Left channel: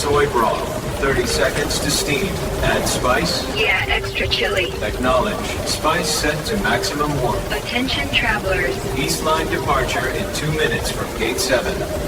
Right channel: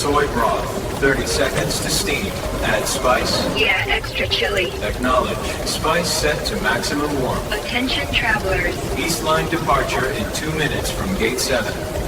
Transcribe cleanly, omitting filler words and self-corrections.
soy broth. 30 seconds to steam. Add spice. Yeah, extra chili. Acknowledge. Spice set to maximum warmth. Attention travelers. East line departure in 2 minutes from Gate 7.